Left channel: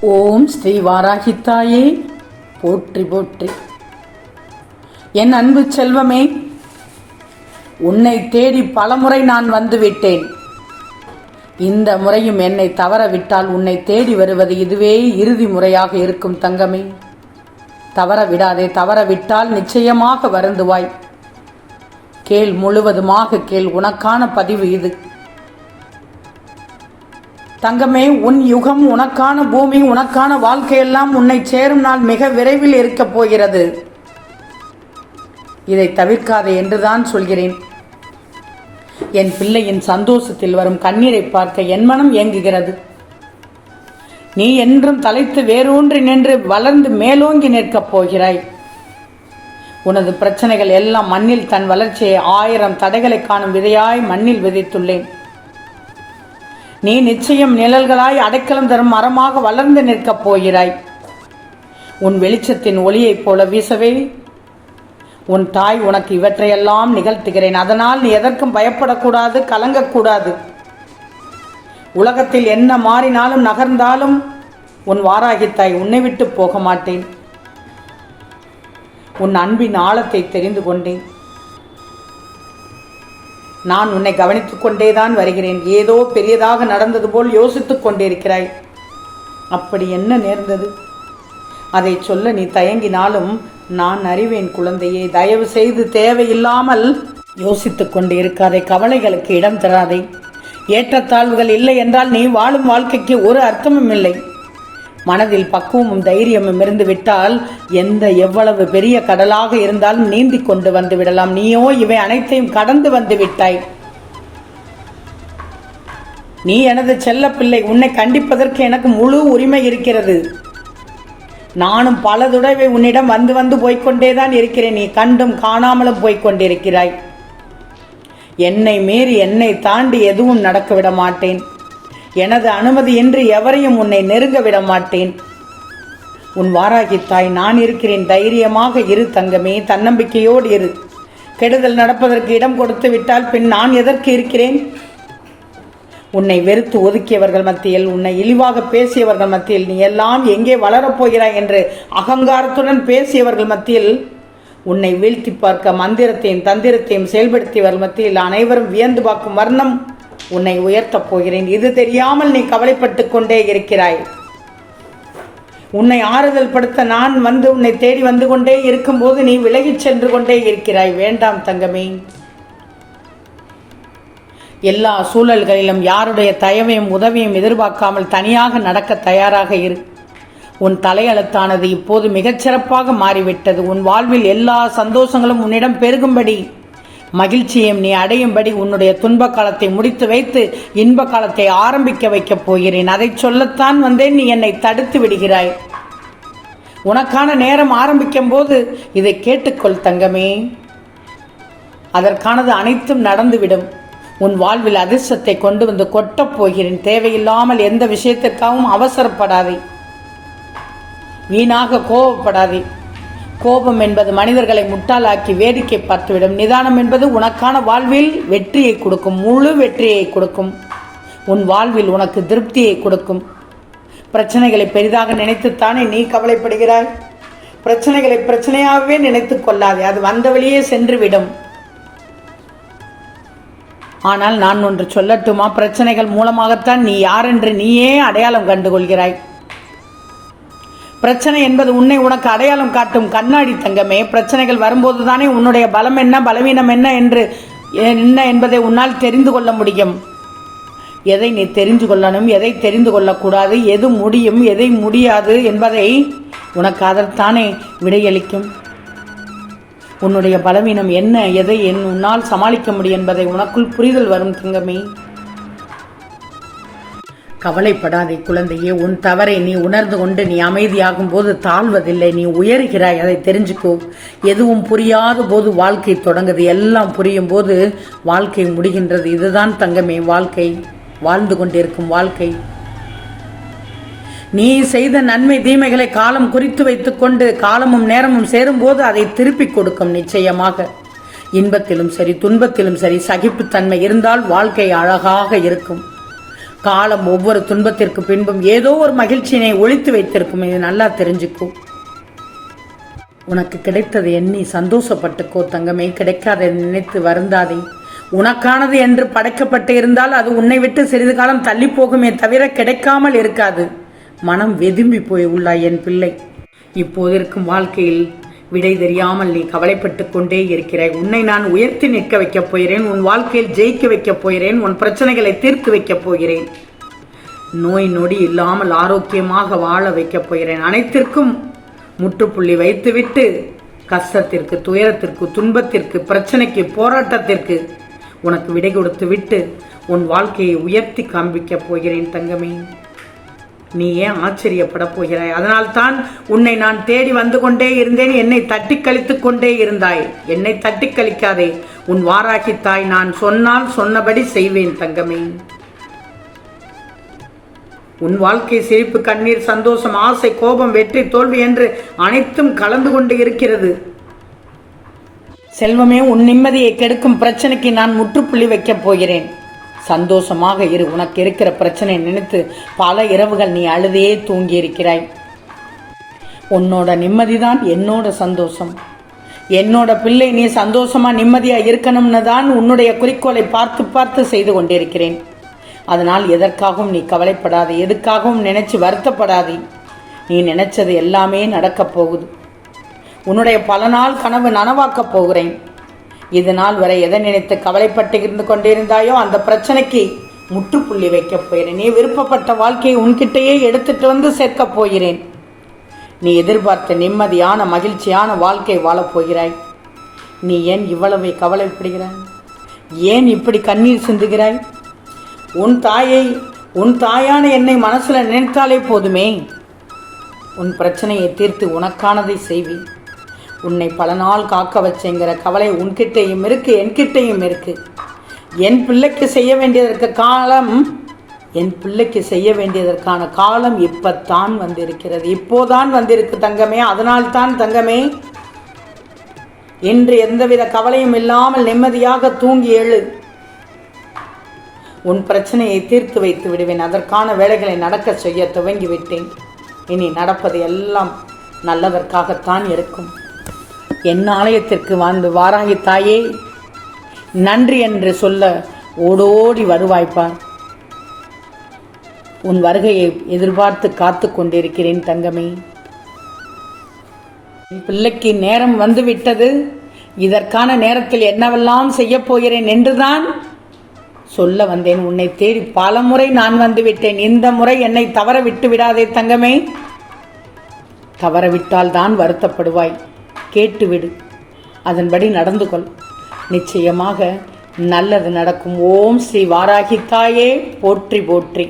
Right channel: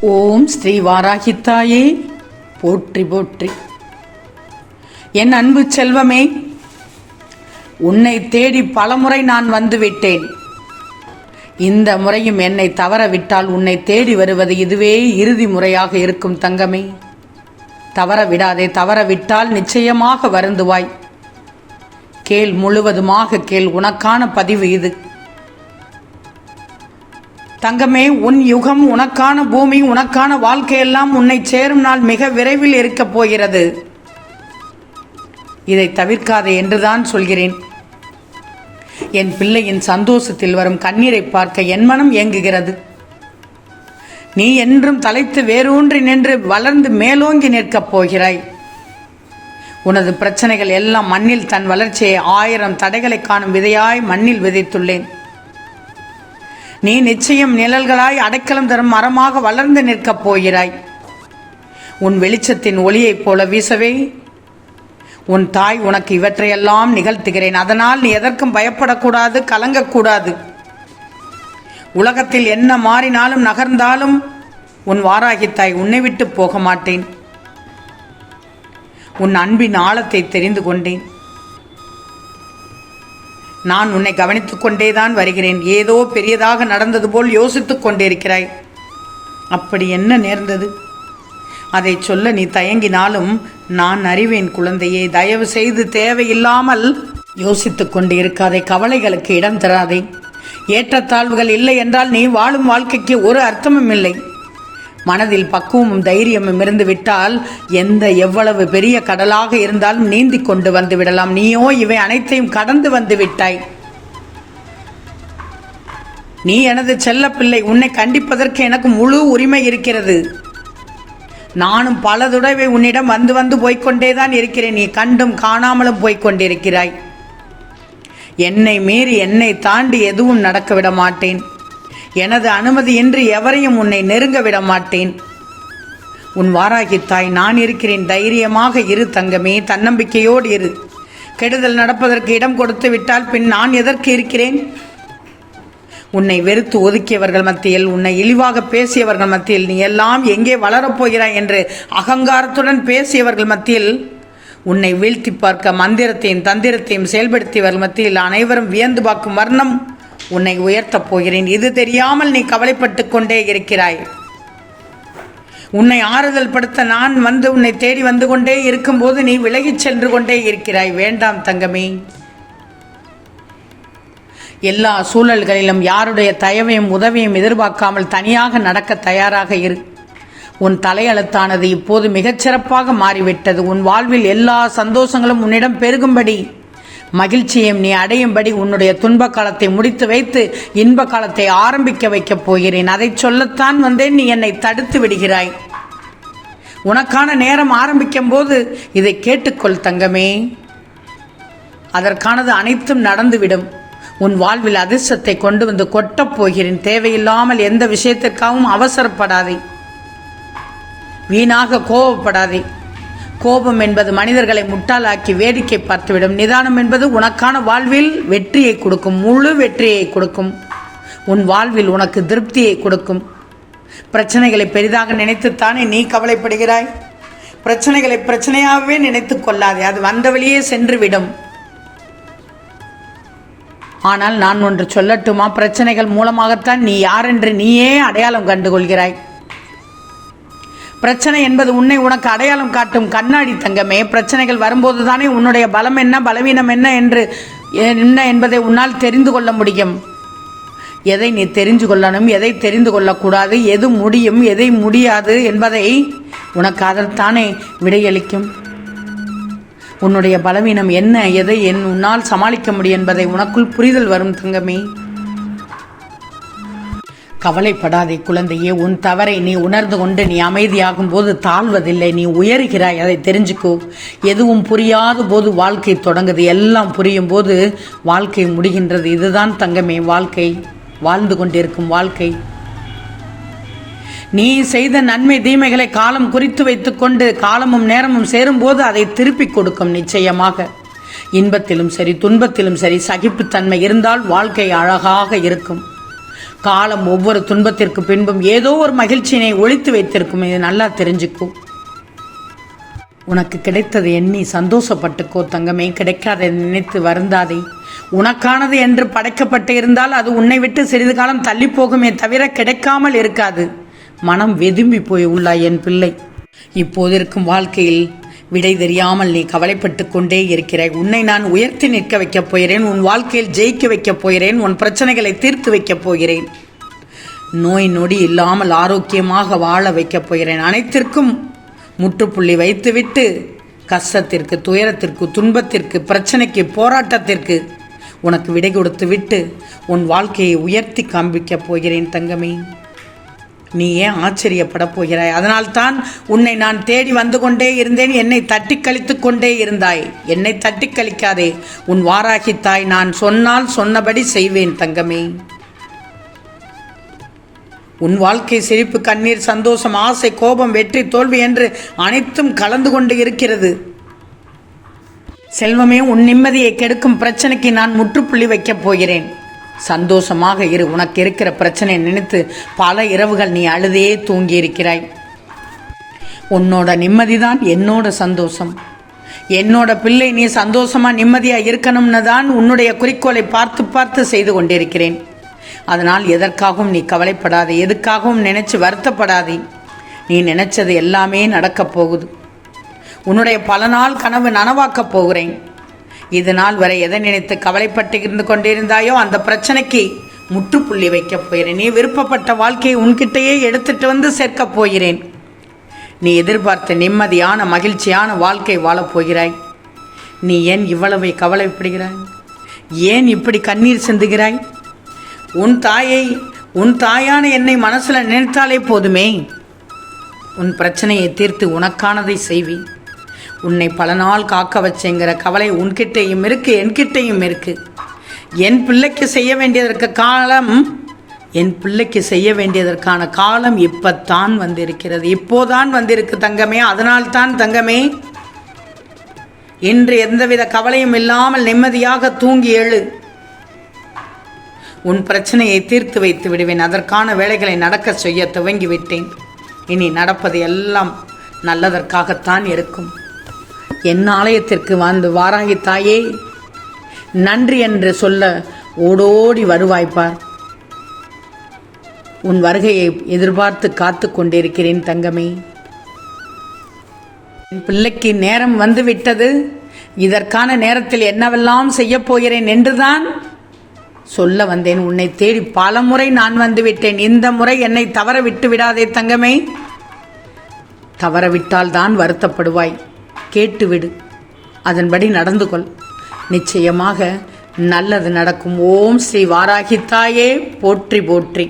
ஓம் ஸ்ரீ வாராகித்தாயே. போற்றி போற்றி. என் அன்பு செல்வமே உன்னை தேடி பலமுறை நான் வந்து விட்டேன் இந்த முறையும் என்னை தவற விட்டால் உன்னை தேடி வருவது இதுவே இறுதி முறையாக இருக்கும் தங்கமே. தவற விடாதே தவற விட்டால் நிச்சயமாக வருந்துவாய். கேள் முழுவதுமாக கேள் உனக்கான பதிவு இது. தங்கமே உன் யுகம் உனக்கான பூமி உனக்கான வாழ்க்கையெல்லாம் உன்னை சேரும் நாள் மிக விரைவில் இருக்கப் போகிறது. இதை தவிர்க்காதே என்றுதான் சொல்கிறேன். என் பிள்ளையின் சந்தோஷத்தில் வரும் கண்ணீரை பார்க்க என் மனம் இயங்குகிறது நீ என்றும் தலைத்து வேரூன்றி நின்று வளர்ந்து மேலோங்கி நிற்கப் போகிறாய். உனது பிரச்சனைகள் எல்லாம் மண்ணில் தன் வளர்ச்சியை ஆயிரம் தடைகளை காணும் விதையாய் மண்ணில் விதைத்துள்ளேன். நீ நிச்சயம் நிழல்களாய் அடைக்கலம் தரும் மரமாக வளர்ந்து நிற்கப் போகிறாய். உன் வெளிச்சத்தின் ஒளியைப் போல வீசவே. உன் தாய் உனக்கு இவற்றையெல்லாம் நிகழ்த்துகிறேன். அதனால் நீ எதற்கும் பயப்படக்கூடாது கலங்கக்கூடாது. உலகத்தில் என்ன மாறினாலும் நகர்ந்தாலும் உன் வாராகி தாய் உன்னை விட்டு போக மாட்டேன். உன் அன்பின் ஆழத்தை தெரிந்து கொண்டேன். நான் உன்னை கவனித்துக் கொண்டேதான் வருகிறேன். ஏதோ பெரியதாக நடந்தது போல் யோசித்துக் கொண்டிருக்கிறாய். அப்படி என்ன நேர்ந்தது? அதை சொல்ல நீ தயங்கினாலும் நான் அறிவேன் குழந்தையே தயவு செய்து தேவையில்லாமல் யோசித்துக் கொண்டு இருக்காதே கவலைகளுக்கு இடம் தராதே. ஏற்றத்தாழ்வுகள் இல்லை என்றால் நீ வாழும் வாழ்க்கைக்கு ஒரு அர்த்தமும் இல்லை. மனதில் பக்குவமும் தைரியமும் இருந்து விட்டால் எந்த எவ்வளவு பெரிய கடலாக இருந்தாலும் நீந்தி கொண்டு வந்து விடலாம். நீயோ இவை அனைத்தையும் கடந்து வந்து விட்டாய். நீ எனது செல்ல பிள்ளை உன்னை கண்டிப்பதற்கு எனக்கு முழு உரிமை இருக்கிறது. நானும் பல தடவை உன்னிடம் வந்து வந்து போய்க்கொண்டேதான் இருக்கிறேன். நீ கண்டும் காணாமலும் போய்க்கொண்டிருக்கிறாய். என்னை மீறி என்னை தாண்டி எதுவும் நடக்க விட மாட்டேன். எனது அனுமதியின்றி எவரையும் உன்னை நெருங்க விட மாட்டேன். உன் வாராகி தாய் நான் இருக்கிறேன். தைரியமாக இரு தங்கமே தன்னம்பிக்கையோடு இரு. கெடுதல் நடப்பதற்கு இடம் கொடுத்து விட்டால் பின் நான் எதற்கு இருக்கிறேன்? உன்னை வெறுத்து ஒதுக்கியவர்கள் மத்தியில் உன்னை இழிவாக பேசியவர்கள் மத்தியில் நீ எல்லாம் எங்கே வளரப்போகிறாய் என்று அகங்காரத்துடன் பேசியவர்கள் மத்தியில் உன்னை வீழ்த்தி பார்க்க மந்திரத்தையும் தந்திரத்தையும் செயல்படுத்தியவர்கள் மத்தியில் அனைவரும் வியந்து பார்க்கும் வர்ணம். உன்னை உயர்த்தப் போகிறேன். இது தெரியாமல் நீ கவலைப்பட்டு கொண்டே இருக்கிறாய். உன்னை ஆறுதல் படுத்த நான் வந்து உன்னை தேடி வந்து கொண்டே இருக்கும்போது நீ விலகிச் சென்று கொண்டே இருக்கிறாய். வேண்டாம் தங்கமே. எல்லா சூழல்களிலும் யாருடைய தயவையும் உதவியும் எதிர்பார்க்காமல் தனியாக நடக்க தயாராக இரு. உன் தலையெழுத்தானது இப்போது மிகச்சிறப்பாக மாறிவிட்டது. உன் வாழ்வில் எல்லா சந்தோஷங்களும் உன்னிடம் பெருகும்படி. மகிழ்ச்சியையும் நீ அடையும்படி உன்னுடைய துன்ப காலத்தை முடித்து வைத்து இன்ப காலத்தை ஆரம்பிக்க வைக்கப் போகிறேன். அதை சொல்லத்தான் வந்தேன். நீ என்னை தடுத்து விடுகிறாய். உனக்கான நேரம் ஆரம்பிக்கும் போது இதை கேட்டுக்கொள் தங்கமே. அதற்கானது அனைத்தும் நடந்துவிடும். உன் வாழ்வில் அதிர்ஷ்டத்தை கொண்டு வந்து கொட்டப் போகிறேன். தேவையில்லாமல் எந்த விஷயத்திற்காகவும் அவசரப்படாதே. வீணாக கோபப்படாதே கோபம் என்பது மனிதர்களை முட்டாளாக்கி வேடிக்கை பார்த்துவிடும். நிதானம் என்பது உனக்கான வாழ்வில் வெற்றியை கொடுக்கும். முழு வெற்றியை கொடுக்கும். உன் வாழ்வில் உனக்கு திருப்தியை கொடுக்கும். பிரச்சனைகளை பெரிதாக நினைத்துத்தானே நீ கவலைப்படுகிறாய்? பிரச்சனைகளை பிரச்சனையாகவே நினைத்து கொள்ளாதே. அது வந்த வழியே சென்றுவிடும். ஆனால் நான் ஒன்று சொல்லட்டுமா? பிரச்சனைகள் மூலமாகத்தான் நீ யார் என்று நீயே அடையாளம் கண்டுகொள்கிறாய். பிரச்சனை என்பது உன்னை உனக்கு அடையாளம் காட்டும் கண்ணாடி தங்கமே. பிரச்சனைகள் வரும்போது தானே உன்னுடைய பலம் என்ன பலவீனம் என்ன என்று என்ன என்பதை உன்னால் தெரிந்து கொள்ள முடியும். எதை நீ தெரிந்து கொள்ளணும் எதை தெரிந்து கொள்ளக்கூடாது எது முடியும் எதை முடியாது என்பதை உனக்கு அதற்கானே விடையளிக்கும். உன்னுடைய பலவீனம் என்ன எதை என் உன்னால் சமாளிக்க முடியும் என்பதை உனக்குள் புரிதல் வரும் தங்கமே. கவலைப்படாதே குழந்தையே உன் தவறை நீ உணர்ந்து கொண்டு நீ அமைதியாகும் போது தாழ்வதில்லை நீ உயர்கிறாய் அதை தெரிஞ்சுக்கோ. எதுவும் புரியாத போது வாழ்க்கை தொடங்குது. எல்லாம் புரியும் போது வாழ்க்கை முடிகின்றது. இதுதான் தங்கமே வாழ்க்கை. வாழ்ந்து கொண்டிருக்கும் வாழ்க்கை. நீ செய்த நன்மை தீமைகளை காலம் குறித்து வைத்துக்கொண்டு காலமும் நேரமும் சேரும்போது அதை திருப்பிக் கொடுக்கும் நிச்சயமாக. இன்பத்திலும் சரி துன்பத்திலும் சரி சகிப்புத்தன்மை இருந்தால் வாழ்க்கை அழகாக இருக்கும். காலம் ஒவ்வொரு துன்பத்திற்கு பின்பும் ஏதோ ஒரு மகிழ்ச்சியினை ஒழித்து வைத்திருக்கும். இது நல்லா தெரிஞ்சுக்கோ. உனக்கு கிடைத்தது எண்ணி சந்தோஷப்பட்டுக்கோ தங்கமே. கிடைக்காத நினைத்து வருந்தாதே. உனக்கானது என்று படைக்கப்பட்டு இருந்தால் அது உன்னை விட்டு சிறிது காலம் தள்ளி போகுமே தவிர கிடைக்காமல் இருக்காது. மனம் வெதும்பி போய் உள்ளாய் என் பிள்ளை. இப்போது இருக்கும் வாழ்க்கையில் விடை தெரியாமல் நீ கவலைப்பட்டு கொண்டே இருக்கிறாய். உன்னை நான் உயர்த்தி நிற்க வைக்கப் போகிறேன். உன் வாழ்க்கையில் ஜெயிக்க வைக்கப் போகிறேன். உன் பிரச்சனைகளை தீர்த்து வைக்கப் போகிறேன். நோய் நொடி இல்லாமல் ஆரோக்கியமாக வாழ வைக்கப் போகிறேன். அனைத்திற்கும் முற்றுப்புள்ளி வைத்துவிட்டு கஷ்டத்திற்கு துயரத்திற்கு துன்பத்திற்கு பிரச்சனைக்கு போராட்டத்திற்கு உனக்கு விடை கொடுத்து விட்டு உன் வாழ்க்கையை உயர்த்தி காண்பிக்கப் போகிறேன் தங்கமே. நீ ஏன் ஆச்சரியப்பட போகிறாய்? அதனால்தான் உன்னை நான் தேடி வந்து கொண்டே இருந்தேன். என்னை தட்டி கழித்து கொண்டே இருந்தாய். என்னை தட்டி கழிக்காதே. உன் வாராகி தாய் நான் சொன்னால் சொன்னபடி செய்வேன் தங்கமே. உன் வாழ்க்கை சிரிப்பு கண்ணீர் சந்தோஷம் ஆசை கோபம் வெற்றி தோல்வி என்று அனைத்தும் கலந்து கொண்டு இருக்கிறது. செல்வமே உன் நிம்மதியை கெடுக்கும் பிரச்சனைக்கு நான் முற்றுப்புள்ளி வைக்கப் போகிறேன். சந்தோஷமாக இரு. உனக்கு இருக்கிற பிரச்சனை நினைத்து பல இரவுகள் நீ அழுதே தூங்கி இருக்கிறாய் உன்னோட நிம்மதிதான் என்னோட சந்தோஷம். என்னோட பிள்ளை நீ சந்தோஷமா நிம்மதியா இருக்கணும்னு தான் உன்னுடைய குறிக்கோளை பார்த்து பார்த்து செய்து கொண்டிருக்கிறேன். அதனால் எதற்காகவும் நீ கவலைப்படாதே. எதுக்காகவும் நினைச்சு வருத்தப்படாதே. நீ நினைச்சது எல்லாமே நடக்கப் போகுது. உன்னுடைய பல நாள் கனவு நனவாக்கப் போகிறேன். இது நாள் வரை எதை நினைத்து கவலைப்பட்டு இருந்து கொண்டிருந்தாயோ அந்த பிரச்சனைக்கு முற்றுப்புள்ளி வைக்கப் போகிறேன். நீ விருப்பப்பட்ட வாழ்க்கையை உன்கிட்டயே எடுத்துட்டு வந்து சேர்க்கப் போகிறேன். நீ எதிர்பார்த்த நிம்மதியான மகிழ்ச்சியான வாழ்க்கை வாழப் போகிறாய். நீ ஏன் இவ்வளவை கவலைப்படுகிறாய்? ஏன் இப்படி கண்ணீர் சிந்துகிறாய்? உன் தாயை உன் தாயான என்னை மனசில் நினைத்தாலே போதுமே. உன் பிரச்சனையை தீர்த்து உனக்கானதை செய்வேன் உன்னை பல நாள் காக்க வச்சேங்கிற கவலை உன்கிட்டையும் இருக்கு என்கிட்டையும் இருக்கு. என் பிள்ளைக்கு செய்ய வேண்டியதற்கு காலம் என் பிள்ளைக்கு செய்ய வேண்டியதற்கான காலம் இப்பத்தான் வந்திருக்கிறது. இப்போதான் வந்திருக்கு தங்கமே அதனால்தான் தங்கமே இன்று எந்தவித கவலையும் இல்லாமல் நிம்மதியாக தூங்கி எழு உன் பிரச்சனையை தீர்த்து வைத்து விடுவேன் அதற்கான வேலைகளை நடக்க செய்ய துவங்கி விட்டேன் இனி நடப்பது எல்லாம் நல்லதற்காகத்தான் இருக்கும். என் ஆலயத்திற்கு வந்து வாராகி தாயே. நன்றி என்று சொல்ல ஓடோடி வருவாய்ப்பார் உன் வருகையை எதிர்பார்த்து காத்து கொண்டிருக்கிறேன் தங்கமே. என் பிள்ளைக்கு நேரம் வந்துவிட்டது. இதற்கான நேரத்தில் என்னவெல்லாம் செய்யப் போகிறேன் என்றுதான் சொல்ல வந்தேன். உன்னை தேடி பல முறை நான் வந்துவிட்டேன். இந்த முறை என்னை தவற விட்டு விடாதே தங்கமே. தவறவிட்டால் தான் வருத்தப்படுவாய். கேட்டுவிடு. அதன்படி நடந்து கொள் நிச்சயமாக நல்லது நடக்கும். ஓம் ஸ்ரீ வாராகி தாயே போற்றி போற்றி.